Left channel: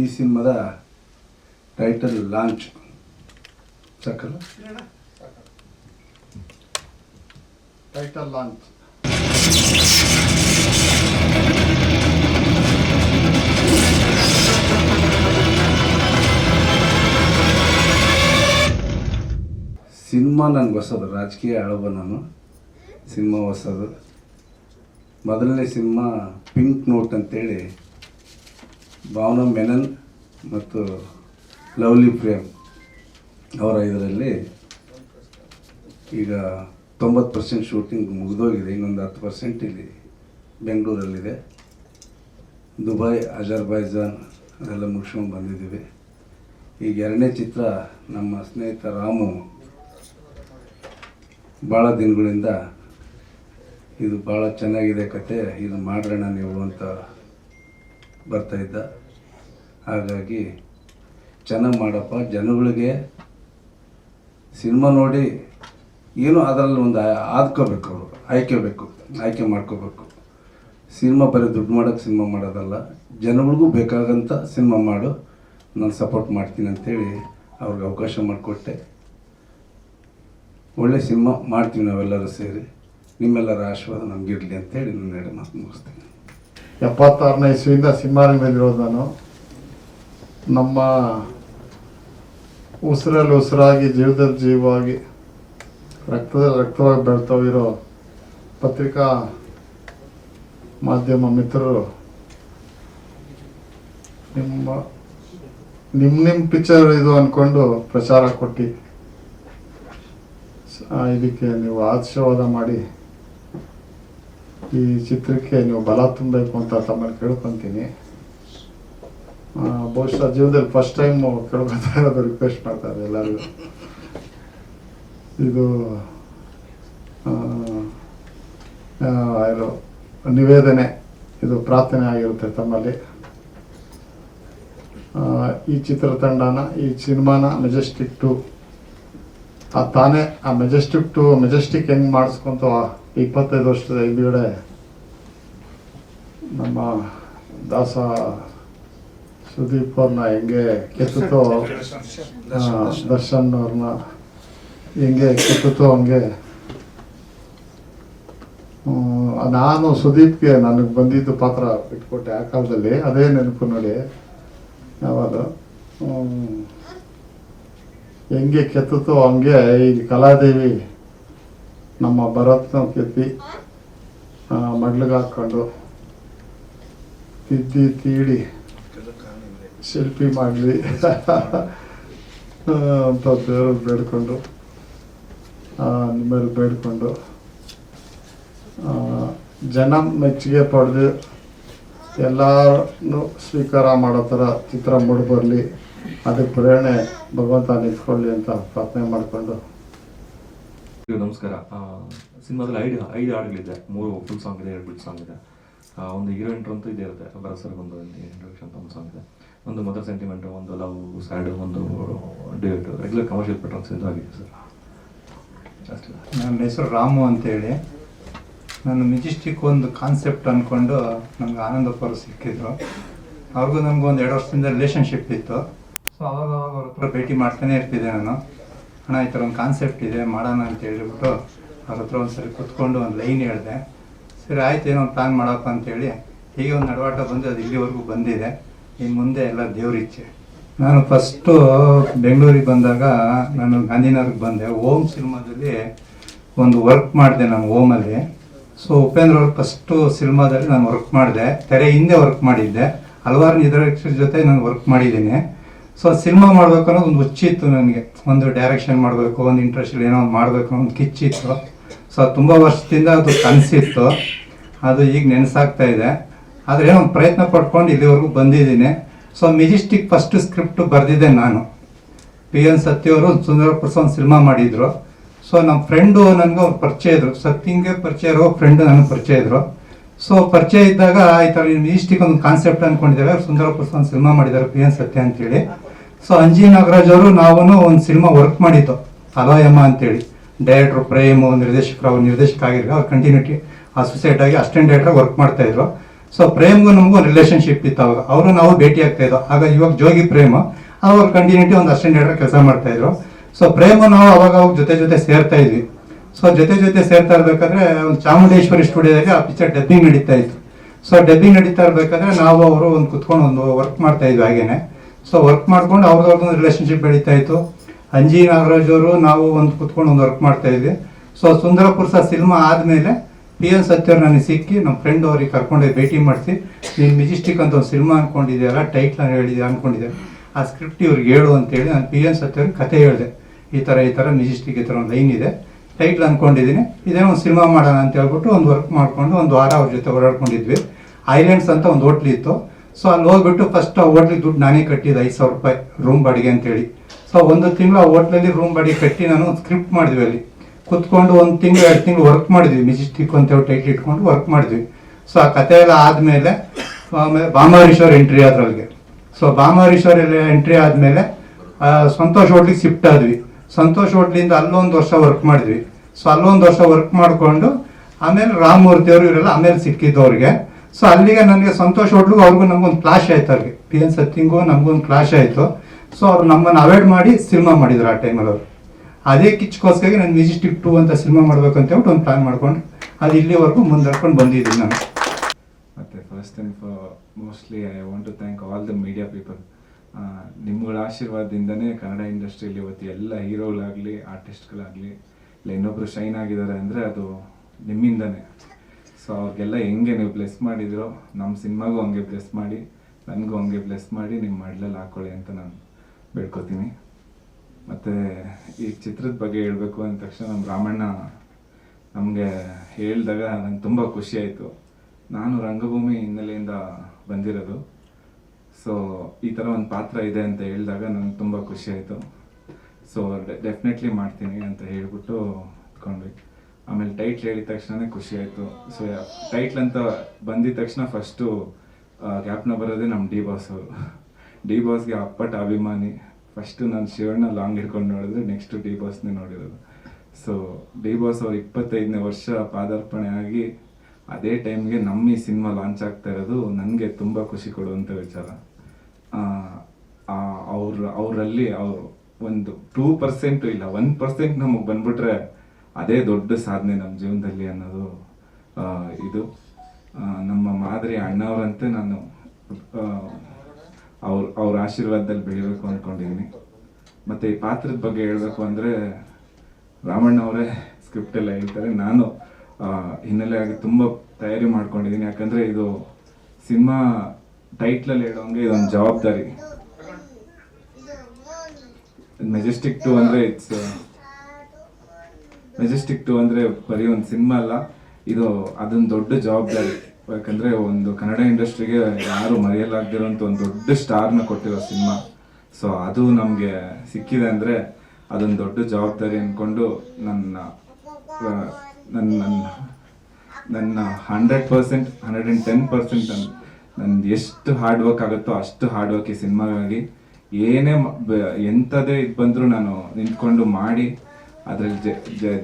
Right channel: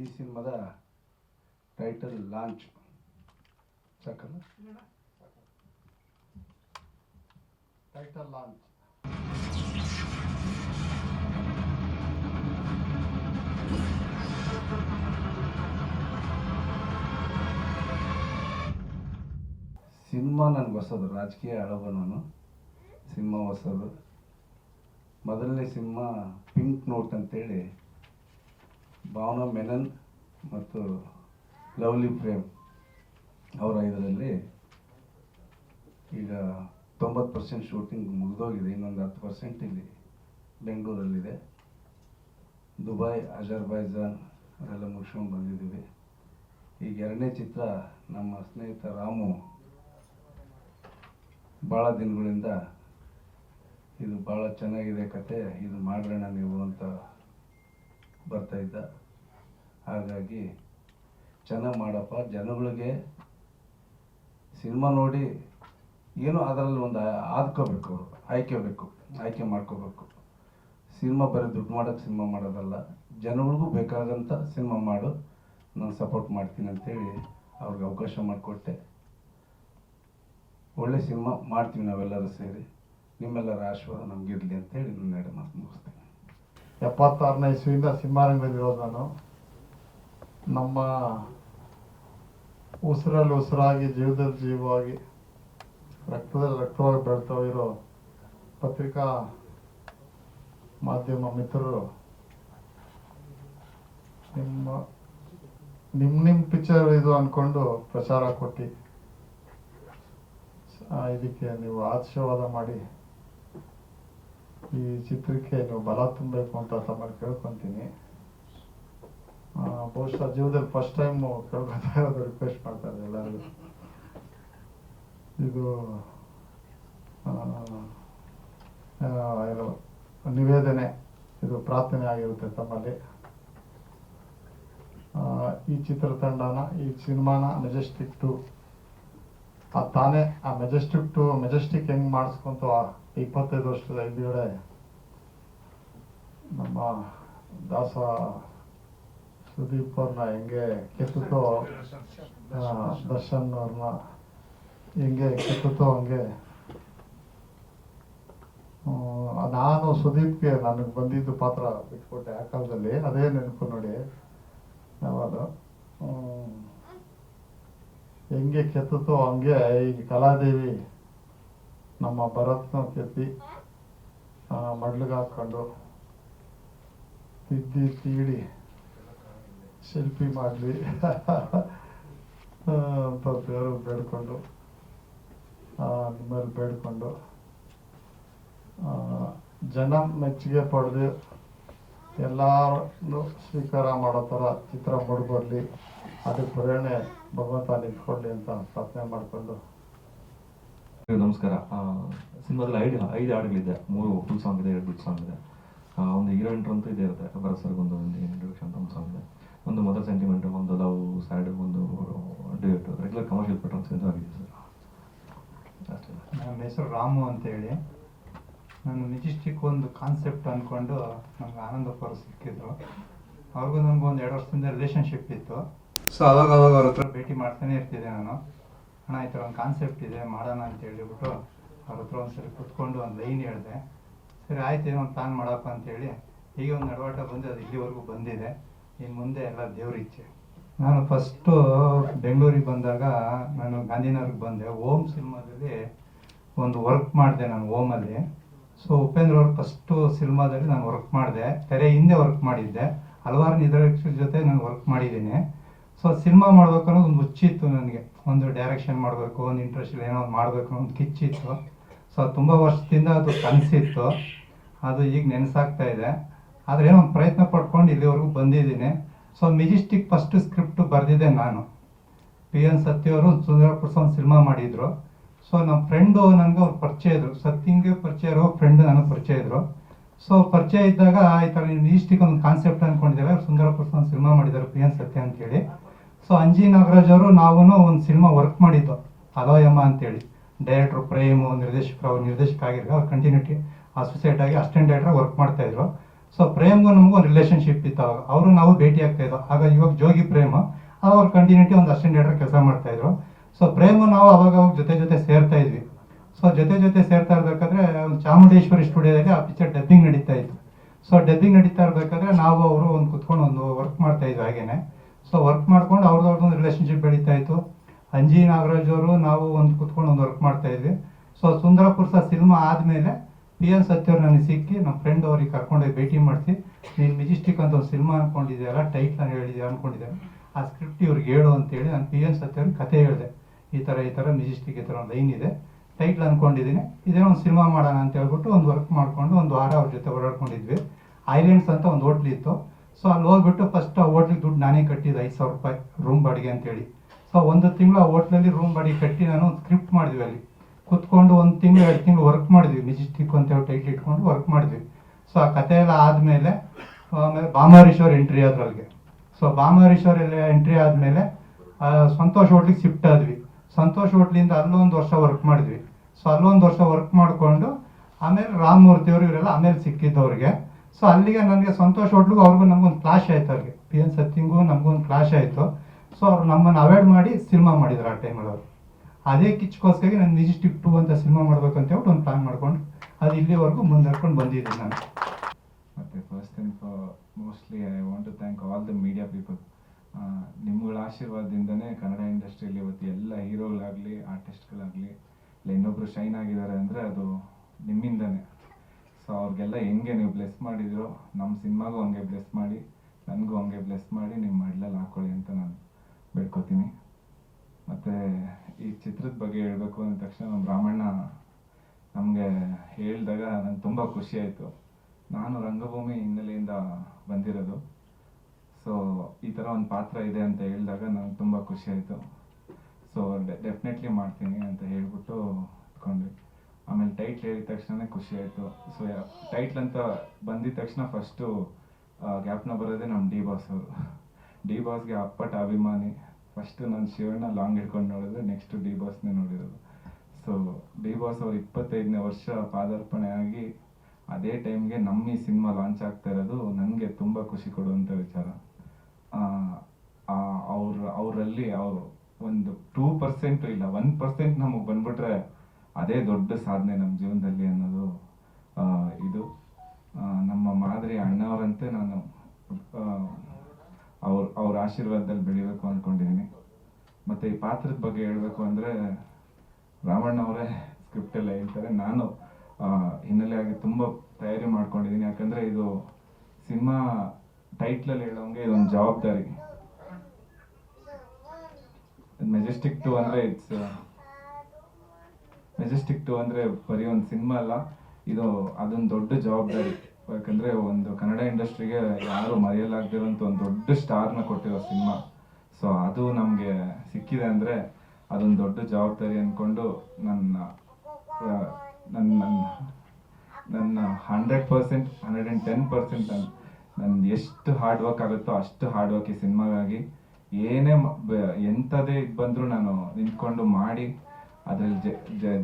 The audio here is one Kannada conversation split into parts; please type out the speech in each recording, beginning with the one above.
ಈ ಸಿನಿಮಾದ ಟೈಟಲ್ ಲಾಂಚ್ ಸಾಕಲ್ಲ? ಟೈಟಲ್ ಲಾಂಚ್ ಸಿನಿಮಾ ನನಗೆ ಹೊಸದು ರಾಜಕೀಯ ಅಳವ ನಾನು. ಸಿನಿಮಾ ಹೊಸದು. ಮೊದಲನೇ ಸಿನಿಮಾ ಪಿಂಕ್ ನೋಟ್ ಅಂತೇಳಿ ಭಾವನಾ ಮೆನನ್ ಮತ್ತು ಲವ್ಲಿ ಪ್ರೇಮ್ ಅವರ ಇದರಲ್ಲಿ ಈಗ ತೊಂಬತ್ತು ಪರ್ಸೆಂಟ್ ಶೂಟಿಂಗ್ ಮುಗಿದೋಗಿದೆ. ಇನ್ನೊಂದು ಹತ್ತು ಪರ್ಸೆಂಟ್ ಇಲ್ಲಿ ಬೆಂಗಳೂರಲ್ಲಿದೆ. ದುಬೈ, ಅಜರ್ಬೈಜಾನ್ ಅದೆಲ್ಲ ಮುಗಿಸ್ಕೊಂಡು ಬಂದಿದ್ದೀವಿ. ಈಗ ಎರಡನೇ ಚಿತ್ರ ನಮ್ಮ ಸ್ನೇಹಿತ ರಾಮು ಭಾಳ ದಿನಗಳಿಂದ ಇದು ಭಾಳ ಚೆನ್ನಾಗಿದೆ ಕತೆ. ಇದು ಮಾಡೋಣ ನೀವು ಅಂತ ಬರ್ತಾ ಇದ್ದ. ಹಾಗಾಗಿ ಚೆನ್ನಾಗಿ ಮಾಡಪ್ಪ. ಜನಗಳಿಗೆ ಸಿನಿಮಾ ನೋಡಿ ಏನೋ ಅದರಲ್ಲಿ ಒಂದು ಆದ್ಕೋಬೇಕು ಅವರು ಆಯ್ಕೋಬೇಕು ಆಯ್ಕೆ ಮಾಡ್ಕೋಬೇಕು. ಸಿನಿಮಾ ಬರೀ ದುಡ್ಡು ಮಾಡೋಕ್ಕೆ ಸಿನಿಮಾ ಮಾಡೋದಲ್ಲ. ಜನಗಳಿಗೂ ಬೇಕಾದಂಥ ಸಿನಿಮಾ ಮಾಡು, ನಾನು ಸಪೋರ್ಟ್ ಮಾಡ್ತೀನಿ ಅಂತೇಳಿ ಅವ್ರಿಗೆ ಅವಕಾಶ ಮಾಡಿಕೊಟ್ಟೆ. ಒಳ್ಳೆ ಸಿನಿಮಾ ಮಾಡ್ತೀವಿ ನಾವೆಲ್ಲರೂ ಸೇರಿ. ನಿಮ್ಮೆಲ್ಲರ ಆಶೀರ್ವಾದ ನಮಗಿರಲಿ ಅಂತೇಳಿ ನನ್ನ ಎರಡು ಮಾತು ಮುಗಿಸ್ತೀನಿ. ಎಪ್ಪತ್ತಾರನೇ ಇಸ್ವಿಯಿಂದ ಸಿನಿಮಾರಂಗದಲ್ಲಿರೋದು ನಾನು. ನಮ್ಮ ಉಸಿರಲ್ಲಿ ಉಸಿರಾಗಿ ಜೀವದಲ್ಲಿ ಜೀವವಾಗಿ, ರಕ್ತದಲ್ಲಿ ರಕ್ತವಾಗಿ ಬೆಳ್ತಾವಿರೋ ಪತ್ರಿಕಾ ಮಾಧ್ಯಮ ಮಿತ್ರರು, ನಿಮ್ಮ ನಿಮ್ಮ ನಿಮ್ಮ ಪಿಕ್ಚರ್ ಇದು ಅಂದ್ಕೊಂಡು ಪ್ರಚಾರ ಕೊಟ್ಟು ಇದಕ್ಕೆ ನೀವು ಆಶೀರ್ವಾದ ಮಾಡಿ, ಈ ಚಿತ್ರಕ್ಕೆ ನೀವು ಬಲ ತುಂಬಬೇಕು ಅಂತ ತಮ್ಮಲ್ಲಿ ಕೇಳ್ಕೊತೀನಿ. ಬಹುಶಃ ಜೀವನದಲ್ಲಿ ಫಸ್ಟ್ ಟೈಮ್ ಕೇಳ್ಕೊತಾ ರಿಕ್ವೆಸ್ಟ್ ಮಾಡ್ತಾರೆ ಎಲ್ಲರಿಗೂ. ಇದು ಆ, ನಿವೇದನೆ ಇದು ಪ್ರಾರ್ಥನೆ ಆಗಿರುತ್ತೆ ತಮ್ಮಲ್ಲಿ. ಈ ಚಿತ್ರತಂಡನ ಈ ಸಿನಿಮಾನ ಮೆಜೆಸ್ಟಿಕ್ ಟು ಆ ತಾನೇ ಆ ಮೆಜೆಸ್ಟಿಕ್ ಟು ಮೆಜೆಸ್ಟಿಕ್ ಹೆಂಗ್ ಮಾಡಿಸ್ಕೊಂತ ಇಪ್ಪತ್ತೈದು ವರ್ಷದ ಹಿಂದ್ಗಡೆ ನಮ್ಮ ದಾಸ ಸುದೀಪ್ ಅವ್ರನ್ನ ಹೆಂಗೆ ಕೆತ್ತುತ್ತೋ? ಆ, ದರ್ಶನ್. ಅವ್ರನ್ನ ಹೆಂಗೆ ಕೆತ್ತುತ್ತೋ ಹಂಗೆ? ನಾನು ಸುದೀಪ್ಗೆ ನನಗೆ ಬಂದಿದ್ದು ಪಾತ್ರ ಬಿಟ್ಕೊಟ್ಟೆ ಆ ಕಾಲದಲ್ಲಿ ಅದೇ ನೆನಪು ನೋಡಿ ಯಾವಾಗ? ಹೆಂಗೆ ಕೆತ್ತುತ್ತೋ ಹಂಗೆ ಈ ಕಲಾದೇವಿ ನಮ್ಮ ಭರತ್ನ ಕೆತ್ತಿ ಮಡ್ಲಿಗೆ ಹಾಕ್ಕೊಂಡು ತಿದ್ದಿ ತೀಡಿ. ಶಿಲ್ಪಿ ಮಾಡಲಿ ಅಂತ ದೇವರು ಬೇಡ್ಕೊಂಡು ನಿಮ್ಮಲ್ಲಿ ಬೇಡ್ಕೊಂಡು ಜನ ಮೆಚ್ಚುಗೆ ಪಡೆದು ಎಲ್ಲರೂ ಸ್ವೀಕಾರ ಮಾಡೋ ಥರ ಚಿತ್ರ ಮೂಡಿಬರಲಿ ಅದಕ್ಕೆ ಪ್ರೇರಣೆ ಭಗವಂತ ನಿಂತ್ಕೊಳ್ಳಿ ಅಂತ ಪ್ರಾರ್ಥನೆ ಮಾಡಿಕೊಂಡು. ನಮಸ್ಕಾರ. ಸಿನಿಮಾದಲ್ಲಿ ಐದು ಐದು ಹಾಡುಗಳಿದೆ. ಮೂರು ಫುಲ್ ಸಾಂಗ್ ಇದೆ, ಎರಡು ಬಿಟ್ ಸಾಂಗ್ ಇದೆ. ಒಂದು ಹೀರೋ ಇಂಟ್ರೋ ಅಂತೂ ಇದೇ ಇರುತ್ತೆ. ಬರೋ ಒಂದು ಇಂಟ್ರೊಡಕ್ಷನ್ ಅಂತ ಒಂದು ಸಾಂಗ್ ಇದೆ. ಒಂದು ಮದರ್ ಸೆಂಟಿಮೆಂಟ್ ಒಂದು ಲವ್ ಸ್ಯಾಡ್ ಒಂದು ಡೇಟ್ ರೆಗ್ಯುಲರ್ ಕಮರ್ಷಿಯಲ್ ಪ್ಯಾಟರ್ನ್ಸ್ ಇದು ಆಗಿದೆ ಸರ್. ಅಷ್ಟೇ. ನನ್ನ ಹೆಸರು ರಾಮು ಅಂತೇಳಿ. ನಾನು ಮೆಜೆಸ್ಟಿಕ್ ಒಂದು ಕಾನ್ಸೆಪ್ಟ್ ಅಂದ್ಕೊಂಡು ನನಗೆ ಆನಂದಪ್ಪರು ಸಿಕ್ಕಿದ್ರು. ಅವ್ರಿಗೂ ನಮಗೂ ಒಂದು ಎರಡು ವರ್ಷದಿಂದ ರಿಲೇಷನ್ಶಿಪ್ ಇತ್ತು. ಸೊ ಅವಾಗ ಅವಾಗ ಅವ್ರ ಹತ್ರ ಭೇಟಿ ಮಾಡ್ತಾನೆ ಇರ್ತಿದ್ದೆ ನಾನು. ಅಣ್ಣ, ಈ ಥರ ಒಂದು ಕಾನ್ಸೆಪ್ಟ್ ಇದೆ, ಮಾಡೋಣ ಅಂತ ಹೇಳಿಬಿಟ್ಟು ಅವ್ರ ಹತ್ರ ಒಂದ್ಸರಿ ಕುತ್ಕೊಂಡು ಒಂದು ಲೈನ್ ಹೇಳಿದೆ. ಸರಿ, ಆಯ್ತು, ಏನೋ ಒಂದು ಪ್ಲ್ಯಾನ್ ಮಾಡಪ್ಪ ಅಂತೇಳಿ ಹೀಗೆ ಒಂದು ನಡವಾಟ ಬಂದು ಅದು ಇಲ್ಲಿವರೆಗೂ ಬಂದಿದೆ. ಇನ್ನು ಮುಂದೆ ಎಲ್ಲ ದೇವ್ರಿಚ್ಛೆ ನಾನು ಫಸ್ಟು ಬೆಂಗಳೂರಿಗೆ ಬಂದಾಗ ನಾನು ಗಾಂಧಿನಗರ್ಗೆ ಬಂದೆ. ಓಮ್ ಸಿನಿಮಾದಲ್ಲಿ ಒಂದು ವರ್ಕ್ ಮಾಡಿದೆ ನಾನು ಓಮಲ್ಲಿ. ಸೊ ಉಪೇಂದ್ರ ಅವ್ರ ಫಸ್ಟು ಸಿನಿಮಾದಲ್ಲಿ ನಾನು ವರ್ಕ್ ಮಾಡಿದೆ. ತೆರೆ ಹಿಂದೆ ವರ್ಕ್ ಮಾಡಿದ್ದೆ. ಹಲವಾರು ನಿರ್ದೇಶಕರ ಜೊತೆ ನಾನು ವರ್ಕ್ ಮಾಡಿದ್ದೀನಿ. ಸೊ ಸಿನಿಮಾ ಮಾಡಬೇಕು ಅನ್ನೋದು ಒಂದು ಹುಚ್ಚಿತ್ತು ನನಗೆ. ಒಂದು ಡೈರೆಕ್ಷನ್ ಮಾಡಬೇಕು, ಒಂದು ಇಂಟ್ರೆಸ್ಟ್ ಏನೋ ಒಂದು ಮಾಡಬೇಕು ಅನ್ನೋ ಒಂದು ಕಿಚ್ಚಿತ್ತು ಸೊ ತುಂಬ ವರ್ಷದಿಂದ ಅದು ಕನಸಿತ್ತು. ಅದು ಈಗ ನೆನೆಸಾಗ್ತಾ ಇದೆ. ಆದರೆ ಒಂದು ಪ್ರಯತ್ನ ಪಡ್ಕೊಂಡು ಇಲ್ಲಿವರೆಗೂ ಬಂದಿದ್ದೀನಿ. ಸೊ ಮೆಜೆಸ್ಟಿಕ್ ಫಸ್ಟ್ ಸ್ಕ್ರಿಪ್ಟ್ ಬರೆದಿದ್ದೆ ನಾನು. ಪಿ ಎನ್ ಸತ್ಯ ಅವರು ಒಂದು ಸುಂದರ ಪ್ರಸಾದ್ ಸಿನಿಮಾ ಮಾಡಿದ್ರು. ಸೊ ನಮ್ಮ ಫ್ರೆಂಡು ನನಗೆ ಅವ್ರು ಪರಿಚಯ ಇದ್ರು. ಸತ್ಯಂಗೆ ಪರಿಚಯ ಇರೋ ಫ್ರೆಂಡು ನನಗೆ ಪರಿಚಯ ಇದ್ರು. ಸೊ ಪರಿಚಯ ಇದ್ದಾಗ ಈ ಥರ ಮೆಜೆಸ್ಟಿಕ್ ಒಂದು ಕಾನ್ಸೆಪ್ಟ್ ಅಂದ್ಕೊಂಡಿದ್ದೇವೆ ಸುಂದರ ಪ್ರಸಾದ್ ಸಿನಿಮಾ ಮಾಡಿದ್ದಾರೆ ಪಿ ಎನ್ ಸತ್ಯ ಅಂತೇಳಿ. ಸೊ ಅಂಜಿ ನಾಗರಾಜ್ ಅವರು ನಾವೂ ಒಂದು ಸಿನಿಮಾ ವರ್ಕ್ ಮಾಡಿದ್ದು. ಅಲಾಯಮ್ಮ ಅಂತೇಳಿ. ಡೈರೆಕ್ಟ್ರು ಪ್ರೇಮ್ ನಿರ್ದೇಶಕರು, ಅವ್ರು ನಿರ್ದೇಶಕ ಆಗಿರೋ ಅವ್ರು ಕಂಟಿನ್ಯೂಟಿ ಅಸೋಸಿಯೇಟ್ ಆಗಿ ಅಸಿಸ್ಟೆಂಟ್ ಡೈರೆಕ್ಟ್ರಾಗಿ ವರ್ಕ್ ಮಾಡ್ತಾ ಇದ್ರು. ಸೊ ಪ್ರೇಮ್ಗೂ ನಮಗೂ ರಿಲೇಶನ್ಶಿಪ್ ಇತ್ತು ಅವಾಗ. ಅವರು ನಾವು ಭೇಟಿ ಆಗ್ತಾ ಇದ್ದೋ ಆಗ ಇವಾಗ ಜೋಗಿ ಪ್ರೇಮ, ಅವ್ರು ಕಂಟಿನ್ಯೂಟಿ ಒಂದು ಅಸಿಸ್ಟೆಂಟ್ ಡೈರೆಕ್ಟರ್ ಕೆಲಸ ಮಾಡ್ತಾ ಇದ್ರು. ಸೊ ಪ್ರೇಮ ನಾವು ಅವಾಗ ಅವಾಗ ಜೊತೆ ಜೊತೆ ಸೇರ್ತಾ ಇದ್ವಿ. ಸೊ ಜೊತೆ ಜೊತೆ ಸೇರ್ತಾ ಇರ್ಬೇಕಾದ್ರೆ, ಒಂದು ಚಾಮುಂಡೇಶ್ವರಿ ಸ್ಟುಡಿಯೋದಾಗೆ ಆ ಪಿಕ್ಚರ್ ಡಬ್ಬಿಂಗ್ ನಡೀತಾ ಇತ್ತು. ಸೊ ಡಬ್ಬಿಂಗ್ ನಡೀತಾ ಇರ್ಬೇಕಾದ್ರೆ ನಾವು ಅವರು ಒಂದು ಕುತ್ಕೊಂಡು ಒಂದು ವರ್ಕ್ ಮಾಡ್ತಾ ಇದ್ವಿ ಹಾಗೇನೆ. ಸೊ ವರ್ಕ್ ಮಾಡ್ಕೊಂಡು ಅವ್ರದ್ದು ರಿಲೇಶನ್ಶಿಪ್ ಬೆಳೀತಾ ಇತ್ತು. ಅಂಜಿ ನಾಗರಾಜ್ ಅವರು ನಾವು ಒಂದು ಕುತ್ಕೊಂಡು ಒಂದು ವರ್ಕ್ ಮಾಡ್ತಾ ಇದ್ವಿ. ಸೊ ಸುಂದರಪುರ್ಸ ಸಿನಿಮಾ ಆದಮೇಲೆ ಪಿ ಎನ್ ಸತ್ಯವ್ರು ನನಗೆ ಸಿಕ್ಕಿ ನಮ್ಮ ಫ್ರೆಂಡ್ ಅವ್ರಿಗೆ ಕರ್ಕೊಂಡೋಗಿ ಭೇಟಿ ಮಾಡಿಸಿ, ನೀನು ಮೆಜೆಸ್ಟಿಕ್ ಅಂತ ಒಂದು ಸಿನಿಮಾ ಅನ್ಕೊಂಡಿದ್ಯಲ್ಲ ಟೈಟ್ಲ್ ಹೇಳಿದೆ ಅನ್ಕೊಂಡಿದ್ದೆ. ಆ ಸ್ಕ್ರಿಪ್ಟ್ ಇವ್ರಿಗೆ ಹೇಳು ಅಂತೇಳಿ ನಾನು ಪಿ ಎನ್ ಸತ್ಯವ್ರಿಗೆ ಕತೆ ಹೇಳಿದೆ. ಈ ಥರ ಈ ಥರ ಮೆಜೆಸ್ಟಿಕ್ ಈ ಥರ ಒಂದು ಲೈನ್ ಇದೆ. ಟೈಟ್ಲ್ ಅಂದ್ಕೊಂಡಿದ್ದೀನಿ ಇದೇ ಒಂದು ಸಿನಿಮಾ ಮಾಡೋಣ ಅಂತ ಹೇಳ್ಬಿಟ್ಟು ಒಂದು ವರ್ಕ್ ಮಾಡಿಕೊಂಡು ಒಂದು ವಾರ ಅವ್ರ ಜೊತೆ ಓಡಾಡ್ಕೊಂಡಿದ್ವಿ. ಐಲ್ಯಾಂಡ್ಸ್ ಅಂತ ಒಂದು ಹೋಟ್ಲ್ ಇತ್ತು. ಸೊ ಅಲ್ಲಿ ಹೋಗ್ಬಿಟ್ಟು ಫಸ್ಟ್ ಆ ಹೋಟ್ಲಿಗೆ ದುಡ್ಡು ನಾನೇ ಕಟ್ಟಿದ್ದು ಐದು ಸಾವಿರ ರೂಪಾಯಿ ರೂಮ್ ಬಾಡಿಗೆ ಅಂತೇಳಿ ಸೊ ಒಂದು ತಿಂಗಳು ಆ ಹೋಟ್ಲಲ್ಲಿ ರೂಮ್ ಬಾಡಿಗೆ ಕಟ್ಟಿ ನಾನು ಸ್ಕ್ರಿಪ್ಟ್ ಮಾಡಿದ್ವಿ ಅಲ್ಲಿ. ಕುತ್ಕೊಂಡು ಒಂದು ತಿಂಗಳು, ಎರಡು ತಿಂಗಳು ವರ್ಕ್ ಮಾಡಿದ್ವಿ. ಮೆಜೆಸ್ಟಿಕ್ ಅಂತ ಹೇಳಿ ಟೈಟ್ ಇಟ್ಕೊಂಡು ವರ್ಕ್ ಮಾಡಿದ್ವಿ. ಸೊ ಆ ಕತೆ ಎಲ್ಲ ಆದಮೇಲೆ, ಆಮೇಲೆ ಬಾಮಾರೀಶ್ವರ್ ಎಂಟ್ರಿ ಅದ್ರಲ್ಲಿಗೆ ಸೊ ಬಾಮಾರೀಶ್ವರ್ ಎಲ್ಲ ಎಂಟ್ರಿ ಆದಮೇಲೆ ಸಂತೋಷ್ ಹೋಟ್ಲಿಗೆ ಶಿಫ್ಟ್ ಆದ್ವಿ. ಸಂತೋಷ್ ಹೋಟ್ಲಿಂದ ಅಲ್ಲೊಂದು ವರ್ಷ ವರ್ಕ್ ಮಾಡಿದ್ವಿ. ಸೊ ಅಲ್ಲೊಂದು ವರ್ಷ ವರ್ಕ್ ಮಾಡಿಕೊಂಡು, ಆಮೇಲೆ ರಾಮಮೂರ್ತಿ ಅವರು ಇವರೆಲ್ಲ ಆಮೇಲೆ ಸಿಕ್ಕಿದ್ದು ಅವ್ರಿಗೆ. ಸೊ ಅಲ್ಲಿಗೆ ನನಗೆ ಸಂತೋಷ್ ಹೋಟ್ಲಿಗೂ ಅವ್ರಿಗೂ ನಮಗೊಂದು ಕ್ಲಾಶ್ ಆಯ್ತು ಅವ್ರಿಗೆ. ಪಿ ಎನ್ ಸತ್ತಿಂಗು ನಮಗೊಂದು ಕ್ಲಾಶ್ ಆಯಿತು. ಸೊ ಅವ್ರು ನಮ್ಮನ್ನು ಅವಾಯ್ಡ್ ಮಾಡಿ ಸಿನಿಮಾ ಮಾಡಿದ್ರು ಆ ಟೈಮಲ್ಲಿ ಅವರು. ಅದೇ ಕಿಚ್ಕೋಸ್ಕರ ನಾನು ಮೆಜೆಸ್ಟಿಕ್ ಟು ಅಂತ ಸಿನಿಮಾ ಮಾಡ್ಬೇಕಂತ ಹೇಳ್ಬಿಟ್ಟು ಒಂದು ಪ್ಲಾನ್ ಮಾಡ್ಕೊಂಡು ಅದು ಇಲ್ಲಿವರೆಗೂ ಮುಂದರ್ಕೊಂಡು ಬಂದಿದ್ದೀನಿ ನಾನು. ಮತ್ತು first and mostly I want to thank all the media people ನಿಮ್ಗಳ ಆಶೀರ್ವಾದದಿಂದನೇ ಕನ್ನಡ ಇಂಡಸ್ಟ್ರಿಯಲ್ಲಿ ಇವತ್ತು ಎಲ್ಲ ಹೀರೋಗಳಾಗಲಿ, ಆರ್ಟಿಸ್ಟ್ಗಳಾಗಲಿ, ಇಲ್ಲ ಇನ್ನೊಬ್ರು ಶೈನ್ ಆಗಿದ್ದಾರೆ ಅಂದರೆ ಅದು ನಿಮ್ಮಿಂದನೇ. ಸೊ ಅವ್ರಿಗೆಲ್ಲ ಹೆಂಗೆ ನೀವು ಬ್ಲೆಸ್ ಮಾಡಿದಿರೋ ನಮ್ಮ ಸಿನಿಮಾಗೂ ಹಂಗೆ ಬ್ಲೆಸ್ ಮಾಡಿ, ನನಗೂ ಹಂಗೆ ಬ್ಲೆಸ್ ಮಾಡಿ ನಿಮ್ಮ ಮಡ್ಲಲ್ಲಿ ಹಾಕ್ಕೊಳ್ಳಿ ಅಂತ ನಾನು ಬೇಡ್ಕೋತೀನಿ. ಮತ್ತು ಈ ಚಿತ್ರದ ಬಗ್ಗೆ ಹೇಳಬೇಕು ಅಂದ ತಕ್ಷಣ ನಮ್ಮ ರಾಮಣ್ಣ ನಮಗೆ ಹೇಳಿದಾಗ ನಂಗೆ ತುಂಬ ಖುಷಿಯಾಯಿತು ನಾನು ರಂಗಭೂಮಿ ಹಿನ್ನೆಲೆಯಿಂದ ಬಂದಿರೋದು. ಸೊ ಈ ಥರ ಒಂದು ಪಾತ್ರ ಇದೆ ಅಂತ ಹೇಳಿದಾಗ ನನಗೆ ತುಂಬ ಖುಷಿಯಾಯಿತು ಸೊ ಡೆಫಿನೆಟ್ಲಿ ಮಾಡ್ತೀನಿ ಅಂತ ಹೇಳಿಬಿಟ್ಟು ಇಟ್ಕೊಂಡ್ವಿ ಆಮೇಲೆ ಟೈಟ್ಲ್ ಹೇಳಿದ ತಕ್ಷಣನೇ ಖುಷಿ ಆಯಿತು. ಸೊ ಟೈಟ್ಲ್ ಅಂತ ಬಂದಿದ ತಕ್ಷಣ ಫಸ್ಟು ಗ್ಯಾಪ್ನ ಬರೋದೇ ನಮ್ಮ ಡಿ ಬಾಸ್ ಅವರು. ಡಿ ಬಾಸ್ಗೆ ಅಪ್ಪಟ ಅಭಿಮಾನಿ. ಫಸ್ಟು ನಾನು ಶಿವಣ್ಣ ಲಾಂಗ್ ಹಿಡ್ಕೊಂಡು ನೋಡಿದ್ರೆ ನೆಕ್ಸ್ಟ್ ಡಿ ಬಾಸ್ನೇ ನೋಡಿರೋದು. ಸೊ ಡಿ ಬಾಸ್ ಅವ್ರು ಇಪ್ಪತ್ತೈದನೇ ವರ್ಷ ಪಾದಾರ್ಪಣೆ ಆಗಿ ಅದೇ ಟೈಮ್ಗೆ ನಮ್ಮ ಈ ಸಿನಿಮಾ ಲಾಂಚ್ ಆಗ್ತಾ ಇರೋದು ನನಗೆ ತುಂಬ ಖುಷಿ ಕೊಡುವಂಥ ವಿಚಾರ. ಅವ್ರ, ಅವರಲ್ಲಿ ಅವರು ಒಂದು ಟೂ ಪರ್ಸೆಂಟು ಇಲ್ಲ ಒನ್ ಪರ್ಸೆಂಟ್ ನಮಗೆ ಬಂದ್ಬಿಟ್ರೆ ಅದೇ ದೊಡ್ಡ ಸಾಧನೆ ನಮ್ಮ ಜೀವನದಲ್ಲಿ ಅನ್ನೋದು ಇದು. ನಮ್ಮ ಮಾದರಿ ಅಣ್ಣವರಂತೆ ನಾನು ಅವ್ರ ಅವ್ರ ಆಶೀರ್ವಾದದಲ್ಲಿ ಬೆಳಿಬೇಕು ಅಂದ್ಕೊಂಡಿದ್ದೀನಿ ಮತ್ತು ಈ ಪಾತ್ರದ ಬಗ್ಗೆ ಹೇಳಬೇಕು ಅಂದರೆ ರಾಮಣ್ಣ ಅವರೇ ಸ್ಕ್ರಿಪ್ಟ್ ಎಲ್ಲ ಹೇಳ್ತಾರೆ. ನಾನು ಹಿನ್ನೆಲೆ ಹಿನ್ನೆಲೆಯಾಗಿ ತುಂಬ ತಯಾರಿ ಮಾಡ್ಕೊಂಡಿದ್ದೀನಿ ಯಾಕಂದರೆ ಇದು ಸಿನಿಮಾ ಟೈಟ್ಲಲ್ಲಿ ಹೇಳೋಂಗೆ ಇದೊಂದು ಜವಾಬ್ದಾರಿ. ಮೆಜೆಸ್ಟಿಕ್ ಟು ಅಂದರೆ ಇಟ್ಸ್ ಮೆಜೆಸ್ಟಿಕ್ ಟು ಅಂದರೆ ಬರೀ ಒಂದು ಸಿನಿಮಾ ಅಲ್ಲ. ಇದು ಅದೊಂದು ದೊಡ್ಡ ಜವಾಬ್ದಾರಿ. ಯಾಕಂದರೆ ಒಂದು ಕನ್ನಡ ಇಂಡಸ್ಟ್ರಿಗೆ ಯಾರು ಮರೆಯಲಾಗದಿರೋಂಥ ಒಂದು ದೊಡ್ಡ ಸ್ಟಾರ್ನ ಕೊಟ್ಟಿರೋ ಸಿನಿಮಾ. ಸೊ ಅದು ನಮಗೆ ಸಿಕ್ಕಿದೆ ಅಂದರೆ ಅದೊಂದು ದೊಡ್ಡ ಜವಾಬ್ದಾರಿ ಅಂದ್ಕೊಂಡು ನನ್ನ ನನ್ನ ನನ್ನ ನನ್ನ hundred percent hundred and ten percent ನನ್ನ ನಂದು ಎಷ್ಟು ಹಾರ್ಡ್ ವರ್ಕ್ ಆಗುತ್ತೋ ಅಷ್ಟು ಹಾರ್ಡ್ ವರ್ಕ್ ಈ ಸಿನಿಮಾಗಾಗಿ. ಏನೇ ಎಂಥದೇ ಇದು ಬಂದರೂ ನಾನು ನಿಂತ್ಕೊಂಡು ಮಾಡಿ, ಅದರಲ್ಲಿ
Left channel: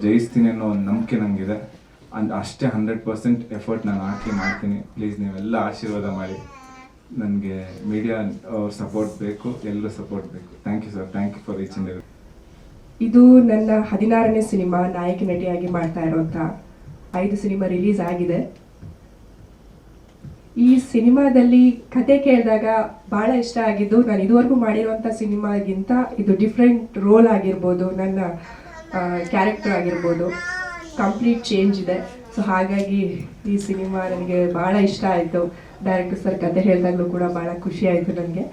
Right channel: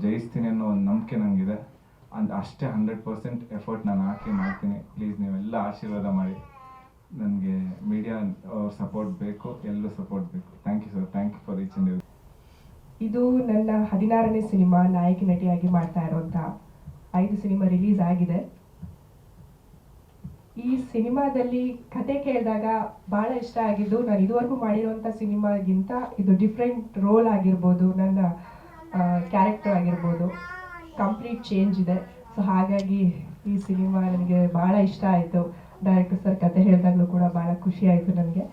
ಜಯಿಸ್ತೀನಿ ಅನ್ನೋ ಒಂದು ನಂಬಿಕೆ ನನಗಿದೆ ಅಂದ್ ಅಷ್ಟೇ ಹಂಡ್ರೆಡ್ ಪರ್ಸೆಂಟ್ ಎಫರ್ಟ್ ನಾನು ಹಾಕಿ ಮಾಡ್ತೀನಿ. ಪ್ಲೀಸ್ ನೀವೆಲ್ಲ ಆಶೀರ್ವಾದ ಮಾಡಿ. ನನಗೆ ಮೀಡಿಯಾ ಸಪೋರ್ಟ್ ಬೇಕು ಎಲ್ಲರೂ ಸಪೋರ್ಟ್ ಬೇಕು. Thank you sir thank you for each and ಇದು ನನ್ನ ಹದಿನಾರನೇ ಸಿನಿಮಾ ನಾಯಕಿ ನಟಿಯಾಗಿ ಮಾಡ್ತಾ ಇರೋಂಥ ಐದು ಸಿನಿಮಾ ರಿಲೀಸ್ ಆಗಿದೆ. ಈ ಸಿನಿಮಾದಲ್ಲಿ ಕತೆ ಕೇಳಿದಾಗ ಭಾಳ ಇಷ್ಟ ಆಗಿದ್ದು, ನಾನು ಇದುವರೆಗೂ ಮಾಡಿರುವಂಥ ಸಿನಿಮಾಗಿಂತ ಇದು ಡಿಫ್ರೆಂಟ್ ರೋಲ್ ಆಗಿರ್ಬೋದು, ನನ್ನ ಕ್ಯಾರೆಕ್ಟರ್ ಆಗಿರ್ಬೋದು. ಕಂಪ್ಲೀಟ್ ಚೇಂಜ್ ಇದೆ. ಸೊ ಹಾಗಾಗಿ ಈ ಸಿನಿಮಾ ನನಗೆ ಭಾಳ ಇಷ್ಟ ಆಯಿತು. ಡೈರೆಕ್ಟರ್ ಸರ್ ಕತೆ ಹೇಳಿದಾಗಲೂ ಕೂಡ ಭಾಳ ಖುಷಿ ಆಯಿತು ನನಗೆ.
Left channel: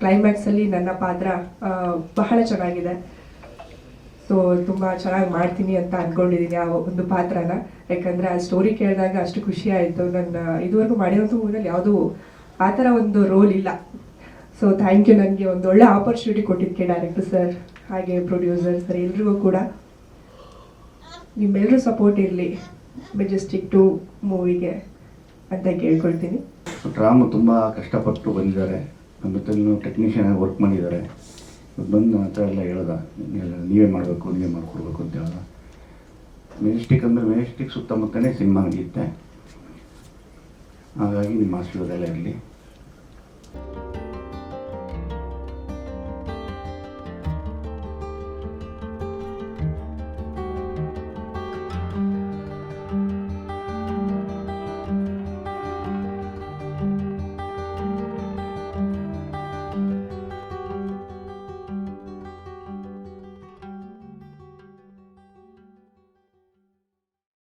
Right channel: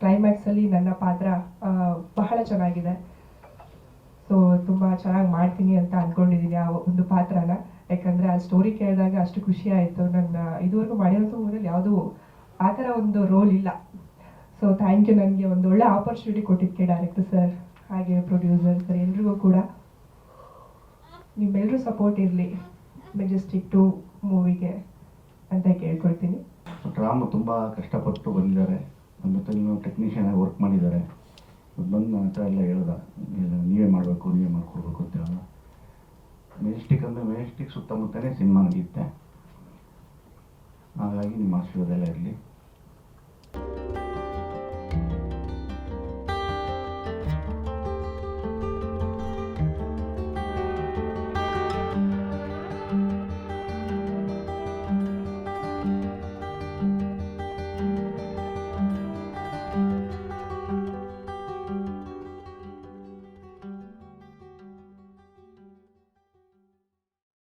ಕ್ಲೈಮ್ಯಾಕ್ಸಲ್ಲಿ ನನ್ನ ಪಾತ್ರ ಬಹಳ ಚೆನ್ನಾಗಿದೆ. ಸೊ ತುಂಬ ಚೆನ್ನಾಗಿ ಮಾಡ್ತೀನಿ ಅಂತ ಅಂದ್ಕೊಂಡಿದ್ದೀನಿ ಆ ಒಂದು ಪಾತ್ರನ. ಯಾಕಂದರೆ ಆ ಸ್ಟೋರಿ ಕೇಳಿದಾಗ ಅಷ್ಟು ಖುಷಿ ಆಯಿತು. ನನ್ನ, ಇದುವರೆಗೂ ಮಾಡಿರೋಂಥ ಮೂವಿನಲ್ಲಿ ಯಾವುದೂ ಆ ಥರ ಒಂದು ರೋಲ್ ಇಲ್ಲ. ಸೊ ಥ್ಯಾಂಕ್ ಯು ನನಗೆ ಒಂದು ಒಳ್ಳೆ ಆಪರ್ಚುನಿಟಿ ಕೊಟ್ಟಿದ್ದಕ್ಕೆ ಡೈರೆಕ್ಟರ್ ಸರ್ ಹಾಗೆ ಪ್ರೊಡ್ಯೂಸರ್ ಸರ್ ಎಲ್ರಿಗೂ ಕೂಡ. ನಿಮ್ಮೆಲ್ಲರೂ ಸಪೋರ್ಟ್ ಇರಲಿ ಮೆಜೆಸ್ಟಿಕ್ ಟು ಮೂವಿಗೆ ಅಂತ ಕೇಳ್ಕೊಳ್ತೀನಿ. ರಾಮು ತುಂಬ ಕಷ್ಟಪಟ್ಟು ಬಂದಿದ್ದಾರೆ. ನಮ್ಮ ಜೊತೆ ಟೆಕ್ನಿಷಿಯನ್ ಆಗಿ ವರ್ಕ್ ಮಾಡಿದ್ದಾರೆ. ಬಂದು ನನ್ನ ಹತ್ರ ಎಲ್ಲ ಹೇಳ್ದ ನೀವೇ ಮಾಡಬೇಕು, ನೀವೇ ಮಾಡಿಕೊಡ್ಬೇಕು ಅಂತ ಹೇಳ್ದ. ಮೆಜೆಸ್ಟಿಕ್ ಅಂದರೆ ಮೆಜೆಸ್ಟಿಕ್ ಸುತ್ತಮುತ್ತನೇ ಸಿನಿಮಾ ನಡೆಯುತ್ತೆ. ಹಾಗಾಗಿ ನಿಮ್ಮ ಆಶೀರ್ವಾದ ಎಲ್ಲ ಇರಲಿ.